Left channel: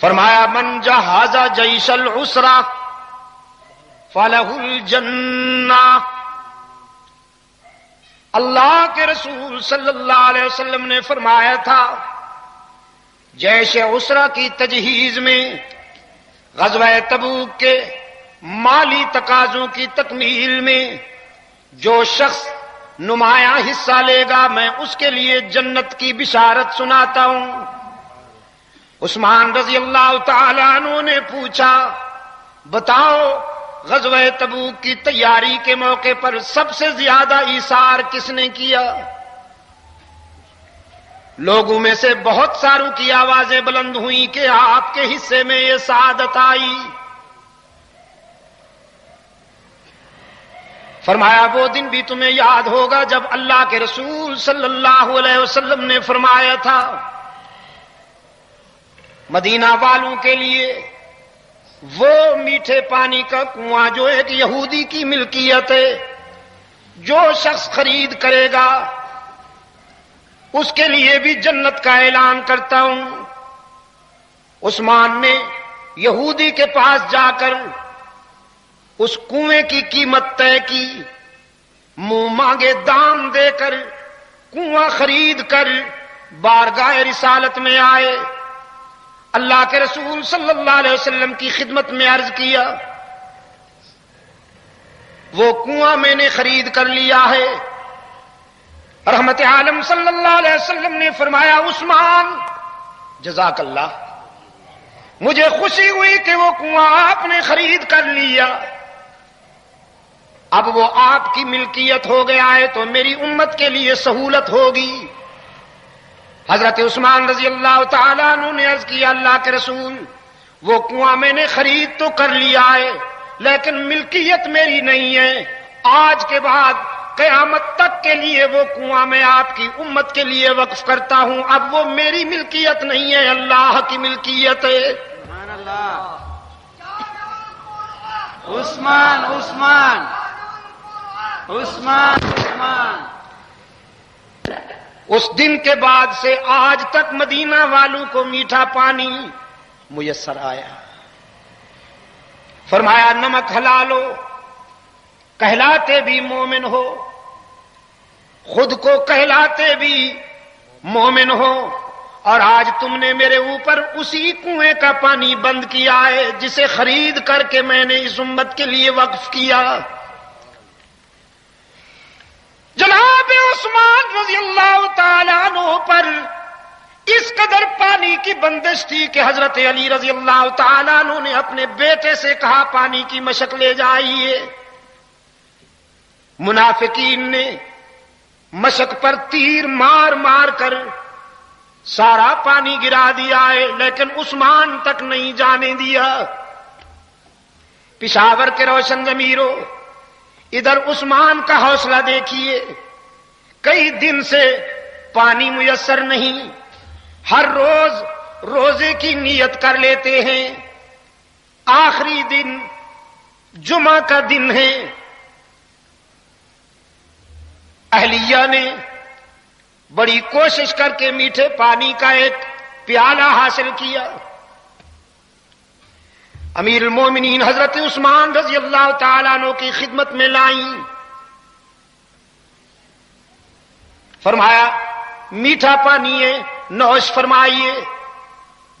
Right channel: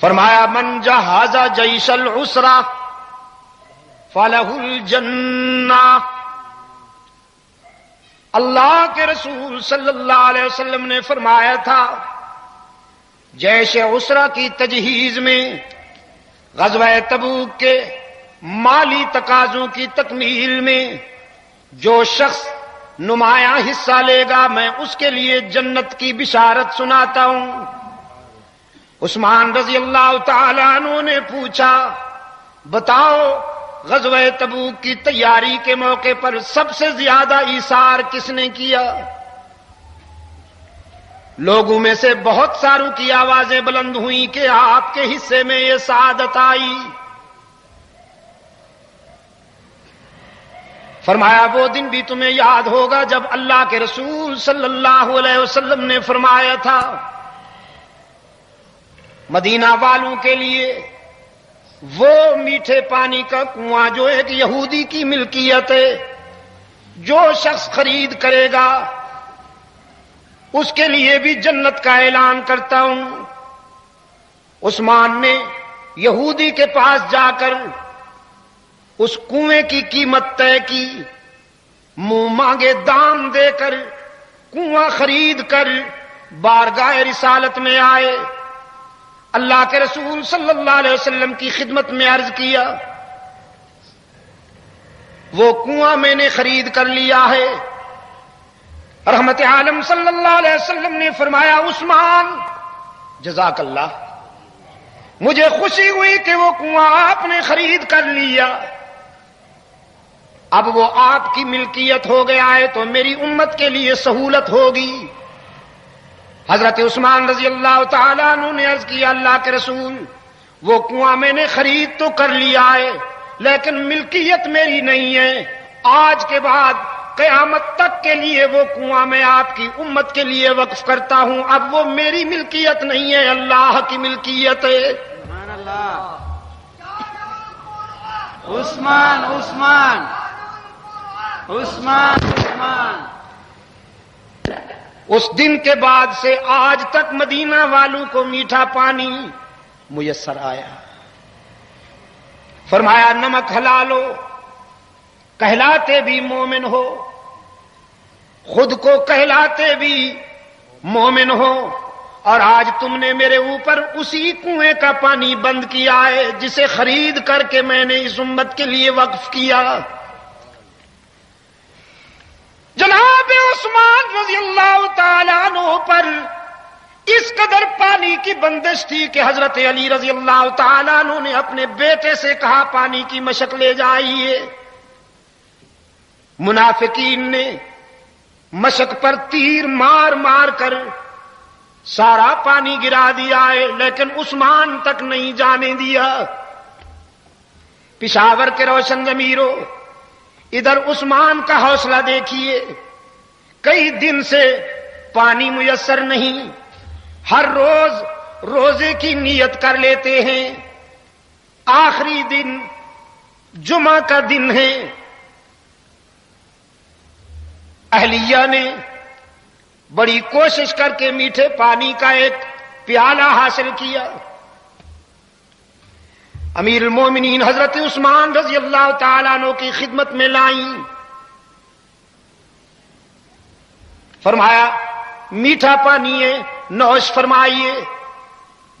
فرمایا من جہز جیش العسرہ فلہ الجنہ. اللہ کے رسول صلی اللہ علیہ وسلم نے فرمایا تھا جیش عسرہ کی تجہیز میں، غزوہ تبوک کے مالی تقاضوں کی تکمیل میں جو شخص نمایاں حصہ لے گا میں اس کے لیے جنت کی بشارت سناتا ہوں. عثمان رضی اللہ تعالی عنہ نے پوچھا بتاؤ غزوہ تبوک کی تیاری کے موقع پر سب سے زیادہ ایثار کس نے کیا؟ لوگوں میں سے بہت ساروں کی آوازیں بلند ہوئیں کہ آپ کے حصے میں یہ سعادت آئی. فرمایا وہ دن بھی تمہیں یاد ہوگا جب اللہ کے رسول صلی اللہ علیہ وسلم نے فرمایا تھا مدینہ والوں کے لیے وہ میٹھے پانی کا کنواں جو ایک یہودی کی ملکیت ہے، جو شخص خرید کرے گا اس کے لیے بھی جنت کا اعلان کرتا ہوں. عثمان نے یہودی کے پاس جا کر اس کنویں کی قیمت طے کی، منہ مانگے دام دے کر کنواں خرید کر بارگاہ رسالت میں آئے. اللہ کے رسول صلی اللہ علیہ وسلم کی خدمت میں عرض کیا وہ کنواں میں نے خرید کر لیا ہے. رحمت عالم صلی اللہ علیہ وسلم نے فرمایا عثمان جزاک اللہ، مجھے خوشی ہوئی کہ وہ کنواں آپ نے خرید کر لیا، اب وہ آپ کی ملکیت ہو گیا ہے تو میری امت کے لیے سہولت ہوگی. حضرت عثمان رضی اللہ تعالیٰ عنہ نے عرض کیا اللہ کے رسول وہ کنواں میں نے خرید تو کر لیا ہے لیکن ملکیت میری نہیں ہے، آج کے بعد قیامت تک کے لیے وہ کنواں میں آپ کی امت کے لیے وقف کرتا ہوں، اب وہ میری ملکیت نہیں ہے اللہ کی ملکیت ہے. سبحان اللہ. عثمان عثمان عثمان عثمان. اس دن کے بعد سے آج تک مدینہ والوں کو میٹھا پانی میسر آیا. فرمایا نمک حلال ہو، کہلاتے بھی مومن ہو، خود کو کہلاتے بھی مومن ہو، اور آج تم نے میرے اوپر اسی کنویں کا پانی بند کیا ہے جسے خرید کر کے میں نے اس امت کے لیے وقف کیا. جناب عثمان رضی اللہ تعالیٰ عنہ پر اس قدر پانی کی بندش تھی کہ حضرت علی رضی اللہ تعالیٰ عنہ نے اپنے بیٹے سے کہا پانی کی مشق لے جائیے. منافقین نے مشق پر تیر مار مار کر سارا پانی گرا دیا ہے لیکن عثمان تک نہیں جانے دیا. پشاور کے روشن ضمیروں ادھر عثمان کا حوصلہ دیکھیے، کئی دن سے پانی میسر نہیں، ہر روز روزے کی نیت کر لیتے ہیں، آخری دن جمعہ کا دن ہے. اہلیہ نے بڑی کوشش کر کے میٹھے پانی کا ایک پیالہ حاصل کیا. امیر المومنین حضرت عثمان رضی اللہ تعالیٰ عنہ کی خدمت میں لائیں. فرمایا میٹھا پانی ہے، نوش فرمائیے.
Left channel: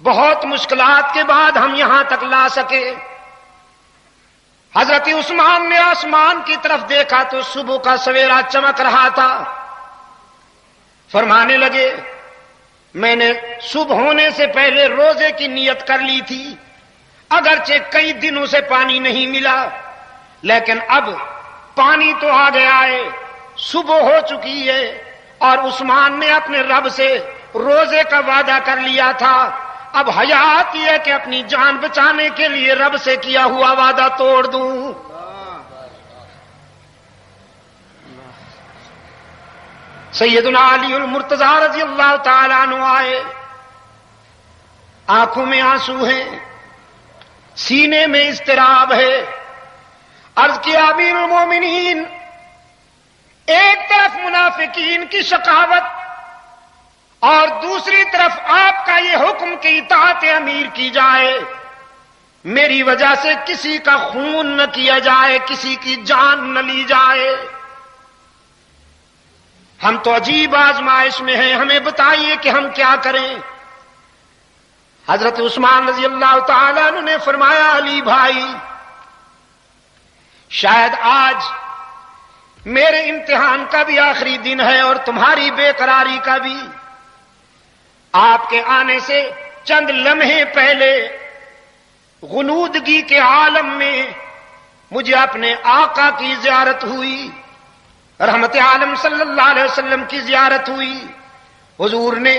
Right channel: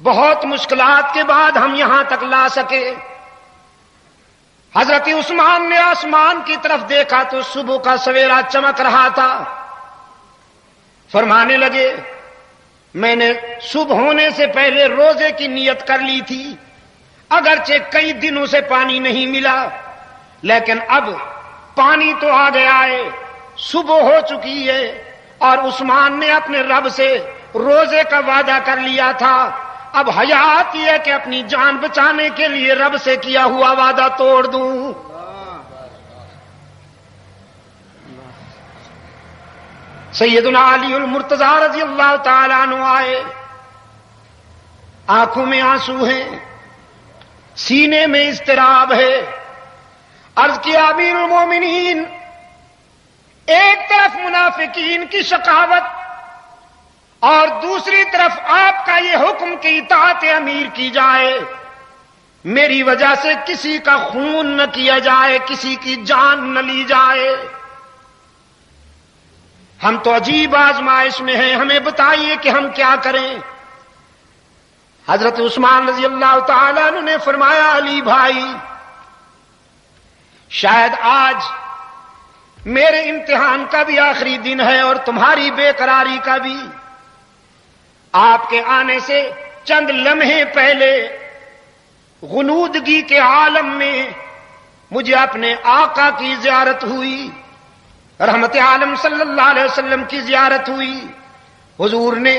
بہت مشکلات کے بعد ہم یہاں تک لا سکے. حضرت عثمان نے آسمان کی طرف دیکھا تو صبح کا سویرا چمک رہا تھا. فرمانے لگے میں نے صبح ہونے سے پہلے روزے کی نیت کر لی تھی، اگرچہ کئی دنوں سے پانی نہیں ملا لیکن اب پانی تو آ گیا ہے، صبح ہو چکی ہے، اور عثمان نے اپنے رب سے روزے کا وعدہ کر لیا تھا. اب حیات یہ ہے کہ اپنی جان بچانے کے لیے رب سے کیا ہوا وعدہ توڑ دوں. سیدنا علی المرتضی رضی اللہ تعالیٰ عنہ آئے، آنکھوں میں آنسو ہیں، سینے میں اضطراب ہے. عرض کیا امیر المومنین، ایک طرف منافقین کی شقاوت اور دوسری طرف آپ کا یہ حکم کہ اطاعت امیر کی جائے، میری وجہ سے کسی کا خون نہ کیا جائے، کسی کی جان نہ لی جائے۔ ہم تو عجیب آزمائش میں ہیں، ہمیں بتائیے کہ ہم کیا کریں۔ حضرت عثمان رضی اللہ تعالیٰ عنہ نے فرمایا، علی بھائی، شاید آج میرے امتحان کا بھی آخری دن ہے اور تمہاری بے قراری کا بھی۔ آپ کے آنے سے چند لمحے پہلے غنودگی کے عالم میں مجھے اپنے آقا کی زیارت ہوئی، رحمت عالم صلی اللہ علیہ وسلم کی زیارت ہوئی۔ حضور نے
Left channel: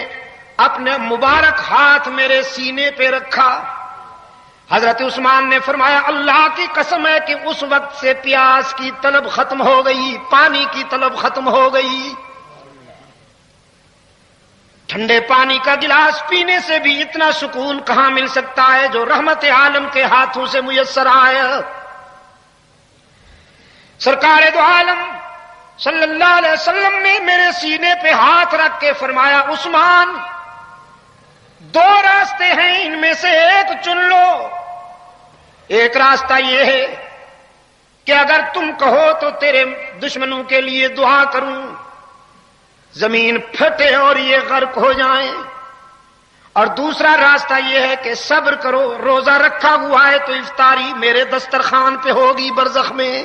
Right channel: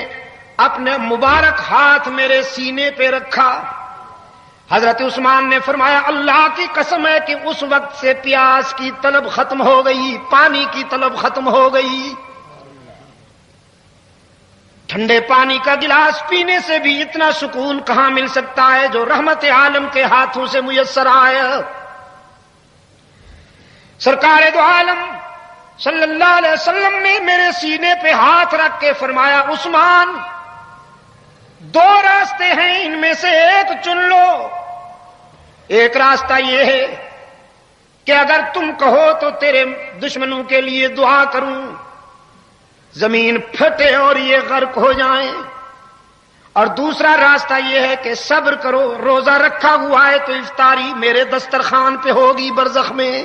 اپنے مبارک ہاتھ میرے سینے پہ رکھا۔ حضرت عثمان نے فرمایا، اللہ کی قسم ہے کہ اس وقت سے پیاس کی طلب ختم ہو گئی، پانی کی طلب ختم ہو گئی۔ ٹھنڈے پانی کا گلاس پینے سے بھی اتنا سکون کہاں مل سکتا ہے جو رحمت عالم کے ہاتھوں سے میسر آیا۔ سرکار دو عالم صلی اللہ علیہ وسلم نے میرے سینے پہ ہاتھ رکھ کے فرمایا، عثمان، دو راستے ہیں، ان میں سے ایک چن لو۔ ایک راستہ یہ ہے کہ اگر تم کہو تو تیرے دشمنوں کے لیے دعا کروں، زمین پھٹے اور یہ غرق ہو جائیں، اور دوسرا راستہ یہ ہے کہ صبر کرو، روزہ رکھا ہوا ہے تو افطاری میرے دسترخوان پہ ہوگی برزخ میں۔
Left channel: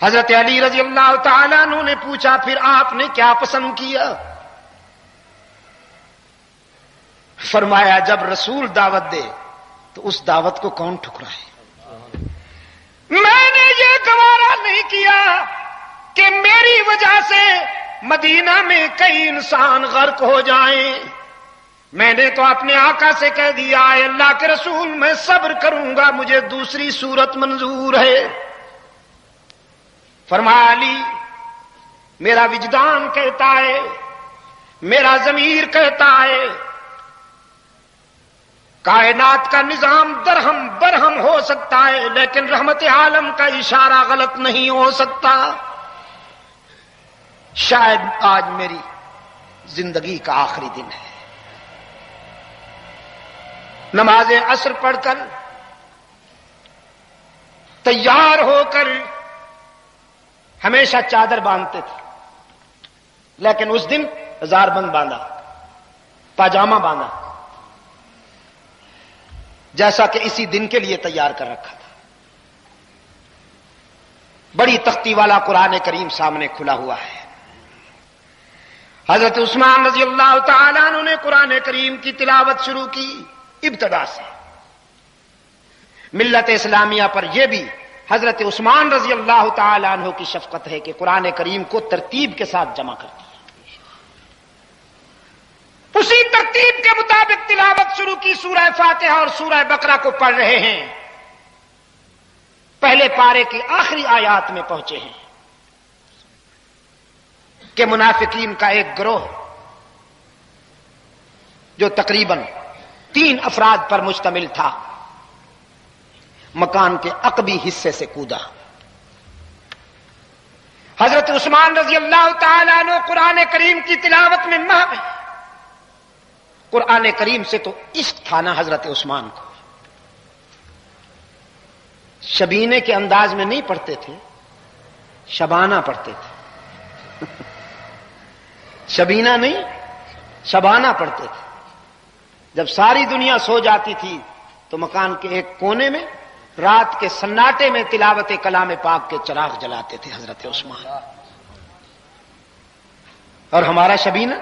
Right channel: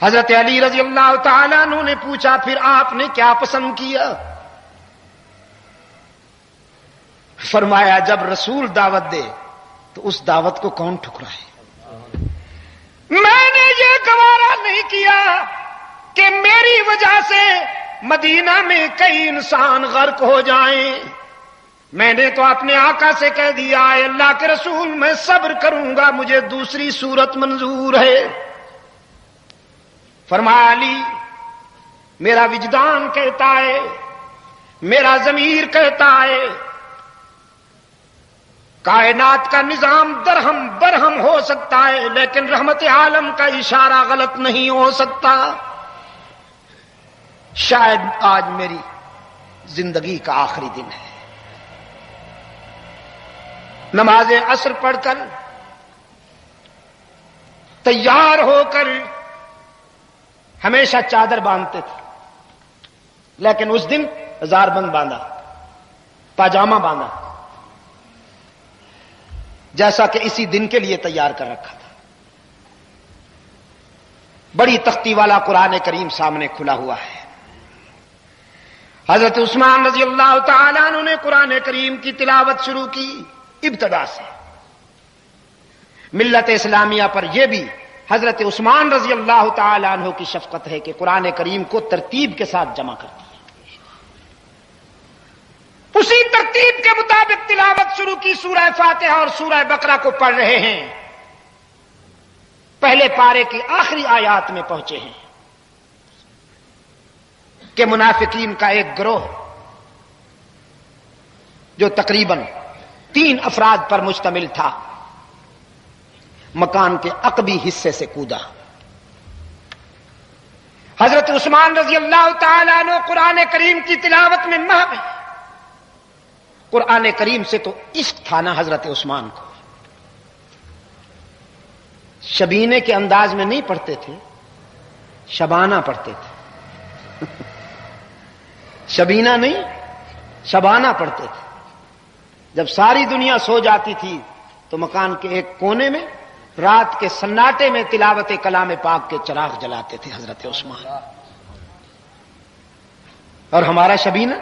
حضرت علی رضی اللہ تعالیٰ عنہ نے پوچھا، پھر آپ نے کیا پسند کیا؟ فرمایا، جب رسول دعوت دے تو اس دعوت کو کون ٹھکرائے؟ میں نے یہ گوارا نہیں کیا کہ میری وجہ سے مدینہ میں کئی انسان غرق ہو جائیں۔ میں نے تو اپنے آقا سے کہہ دیا، اے اللہ کے رسول، میں صبر کروں گا، مجھے دوسری صورت منظور ہے۔ فرمایا، علی، میرا وجدان کہتا ہے، میرا ضمیر کہتا ہے، کائنات کا نظام درہم برہم ہو سکتا ہے لیکن رحمت عالم کا اشارہ غلط نہیں ہو سکتا۔ شاید آج میری زندگی کا آخری دن ہے۔ نماز عصر پڑھ کر تیار ہو کر ہمیشہ چادر باندھتے تھے، لیکن اس دن ہزار بند باندھا، پاجامہ باندھا، جیسا کہ اسی دن کے لیے تیار کر رکھا تھا۔ بڑی تختی والا قرآن کریم سامنے کھلا ہوا ہے۔ حضرت عثمان رضی اللہ تعالیٰ عنہ نے قرآن کریم کی تلاوت شروع کی ابتدا سے۔ ملت اسلامیہ پر یہ بھی حضرت عثمان رضی اللہ تعالیٰ عنہ کی شفقت ہے کہ قرآن کریم کو ترتیب کے ساتھ جمع کرتی ہے۔ اسی ترتیب کے مطابق تلاوت شروع کی، سورہ فاتحہ اور سورہ بقرہ کو پڑھ رہے ہیں، پہلے پارے کی آخری آیات میں پہنچے ہیں کہ منافقین کا ایک گروہ جو تقریباً 3 افراد پر مشتمل تھا، مکان کے عقبی حصے سے کودا۔ حضرت عثمان رضی اللہ تعالیٰ عنہ قرآن کریم کی تلاوت میں مہم ہے۔ قرآن کریم سے تو عشق تھا نا حضرت عثمان کو، شبینے کے انداز میں نہیں پڑھتے تھے، شبانہ پڑھتے تھے۔ شبینہ نہیں، شبانہ پڑھتے تھے۔ جب ساری دنیا سو جاتی تھی تو مکان کے ایک کونے میں رات کے سناٹے میں تلاوت کلام پاک کے چراغ جلاتے تھے حضرت عثمان۔ اور ہمارا شبینہ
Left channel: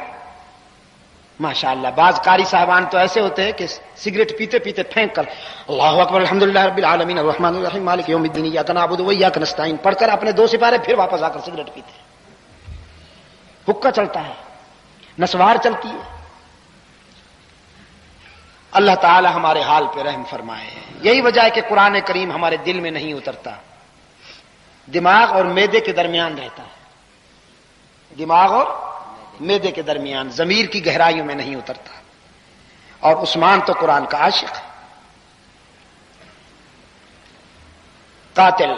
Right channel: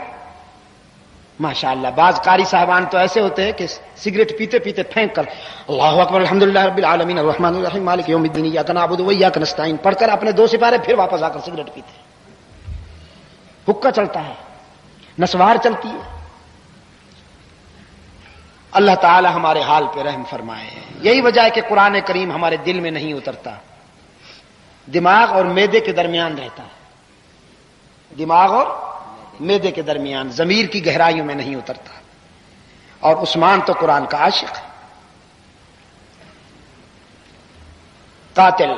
ماشاءاللہ، بعض قاری صاحبان تو ایسے ہوتے ہیں کہ سگریٹ پیتے پیتے پھینک کر اللہ اکبر الحمدللہ رب العالمین الرحمن الرحیم مالک یوم الدین ایاک نعبد و ایاک نستعین پڑھ کر اپنے 2 سپارے پھر واپس آ کر سگریٹ پیتے ہیں۔ حکا چلتا ہے، نسوار چلتی ہے۔ اللہ تعالی ہمارے حال پہ رحم فرمائے۔ یہی وجہ ہے کہ قرآن کریم ہمارے دل میں نہیں اترتا، دماغ اور معدے کے درمیان رہتا ہے، دماغ اور معدے کے درمیان، ضمیر کی گہرائیوں میں نہیں اترتا۔ اور عثمان تو قرآن کا عاشق ہے، قاتل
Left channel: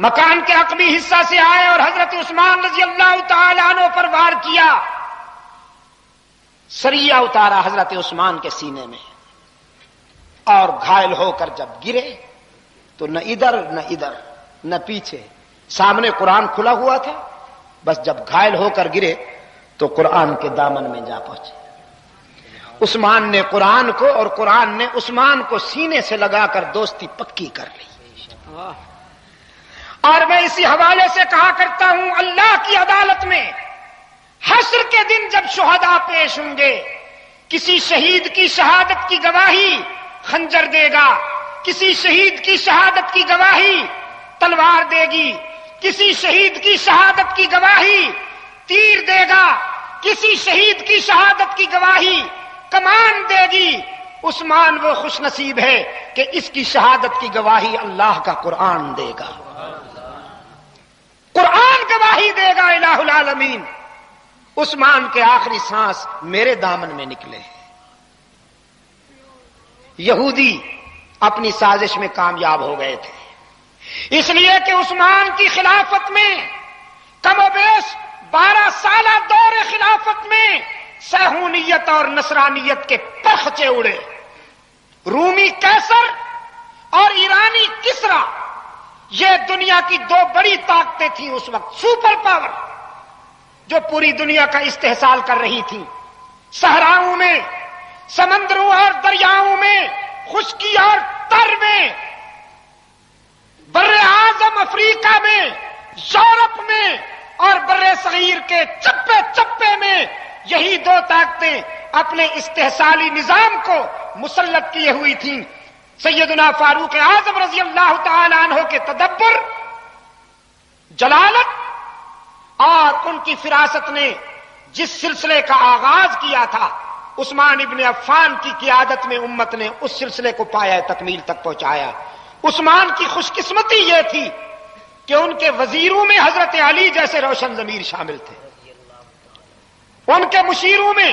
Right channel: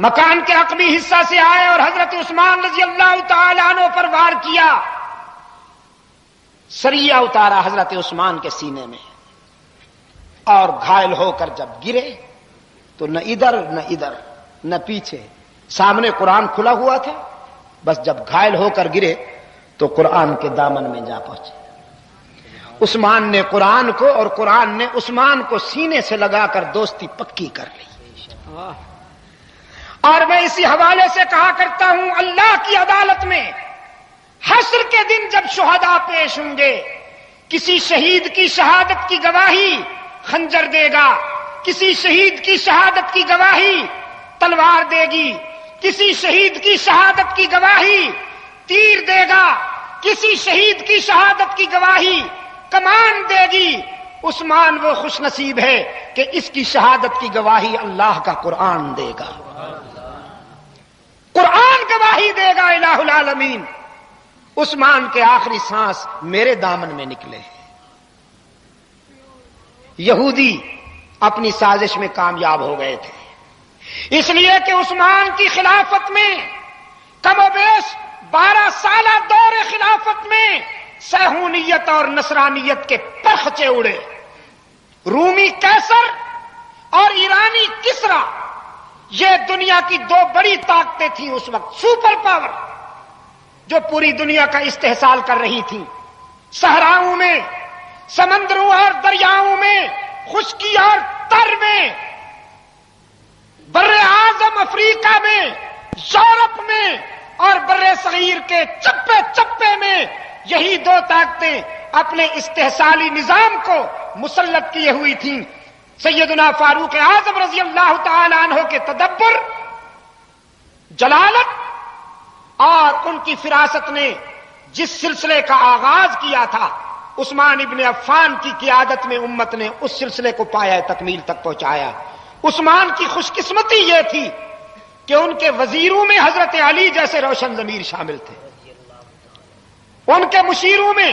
مکان کے عقبی حصہ سے آئے اور حضرت عثمان رضی اللہ تعالی عنہ پر وار کیا. سریہ اتارا حضرت عثمان کے سینے میں اور گھائل ہو کر جب گرے تو نہ ادھر نہ ادھر نہ پیچھے، سامنے قرآن کھلا ہوا تھا، بس جب گھائل ہو کر گرے تو قرآن کے دامن میں جا پہنچے. عثمان نے قرآن کو اور قرآن نے عثمان کو سینے سے لگا کر دوستی پکی کر لی. اور میں اسی حوالے سے کہا کرتا ہوں، اللہ کی عدالت میں حشر کے دن جب شہداء پیش ہوں گے، کسی شہید کی شہادت کی گواہی خنجر دے گا، کسی شہید کی شہادت کی گواہی تلوار دے گی، کسی شہید کی شہادت کی گواہی تیر دے گا، کسی شہید کی شہادت کی گواہی کمان دے گی. عثمان وہ خوش نصیب ہے کہ اس کی شہادت کی گواہی اللہ کا قرآن دے گا، قرآن گواہی دے گا الہ العالمین. عثمان کے آخری سانس میرے دامن میں نکلے. یہودی اپنی سازش میں کامیاب ہو گئے تھے، اس لیے کہ عثمان کی خلافت میں کم و بیش 12 سالہ دور خلافت میں صہیونیت اور نصرانیت کے پرخچے اڑے. رومی قیصر اور ایرانی کسرا، یہ دنیا کی 2 بڑی طاقتیں تھیں اس وقت، سپر پاور، جو پوری دنیا کا استحصال کر رہی تھی. صحراؤں میں، سمندروں اور دریاؤں میں، خشکی اور تر میں، بر اعظم افریقہ میں، یورپ میں اور بر صغیر کے چپے چپے میں یہی 2 طاقتیں اپنے استحصالی نظام کو مسلط کیے ہوئی تھیں. سیدنا فاروق اعظم رضی اللہ تعالی عنہ کے تدبر، جلالت اور ان کی فراست نے جس سلسلے کا آغاز کیا تھا، عثمان ابن عفان کی قیادت میں امت نے اس سلسلے کو پایا تکمیل تک پہنچایا. عثمان کی خوش قسمتی یہ تھی کہ ان کے وزیروں میں حضرت علی جیسے روشن ضمیر شامل تھے، ان کے مشیروں میں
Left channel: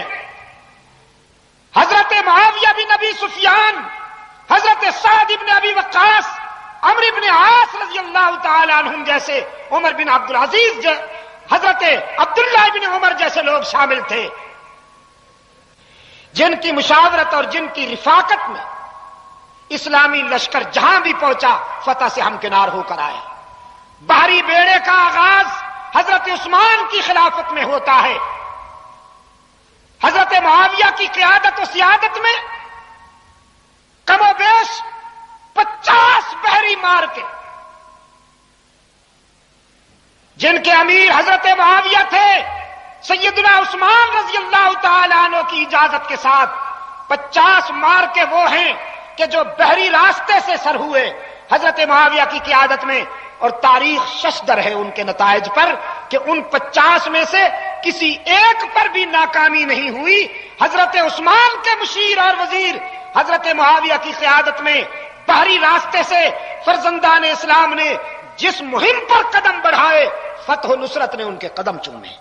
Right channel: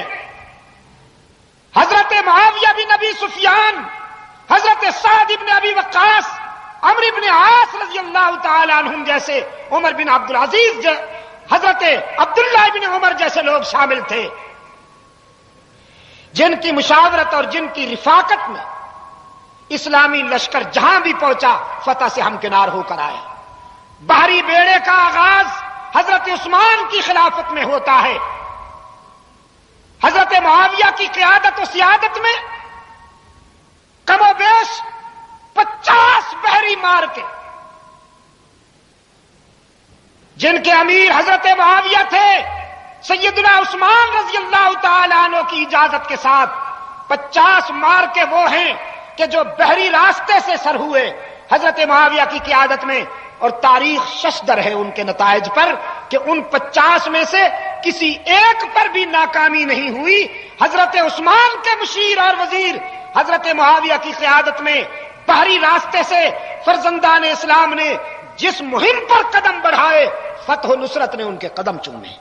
حضرت معاویہ بن ابی سفیان، حضرت سعد بن ابی وقاص، عمرو بن عاص رضی اللہ تعالی عنہم جیسے، عمر بن عبدالعزیز، حضرت عبداللہ بن عمر جیسے لوگ شامل تھے، جن کی مشاورت اور جن کی رفاقت میں اسلامی لشکر جہاں بھی پہنچا فتح سے ہمکنار ہو کر آئے. بحری بیڑے کا آغاز حضرت عثمان کی خلافت میں ہوتا ہے. حضرت معاویہ کی قیادت و سیادت میں کم و بیش 50 بحری مار کے، جن کے امیر حضرت معاویہ تھے، سیدنا عثمان رضی اللہ تعالی عنہ کی اجازت کے ساتھ 50 مار کے وہ ہیں کہ جو بحری راستے سے سر ہوئے حضرت معاویہ کی قیادت میں. اور تاریخ ششدر ہے ان کے نتائج پر کہ ان 50 میں سے کسی ایک پر بھی ناکامی نہیں ہوئی. حضرت عثمان کے مشیر اور وزیر حضرت معاویہ کی قیادت میں بحری راستے سے فرزندان اسلام نے جس مہم پر قدم بڑھائے، فتح و نصرت نے ان کے قدم چومے.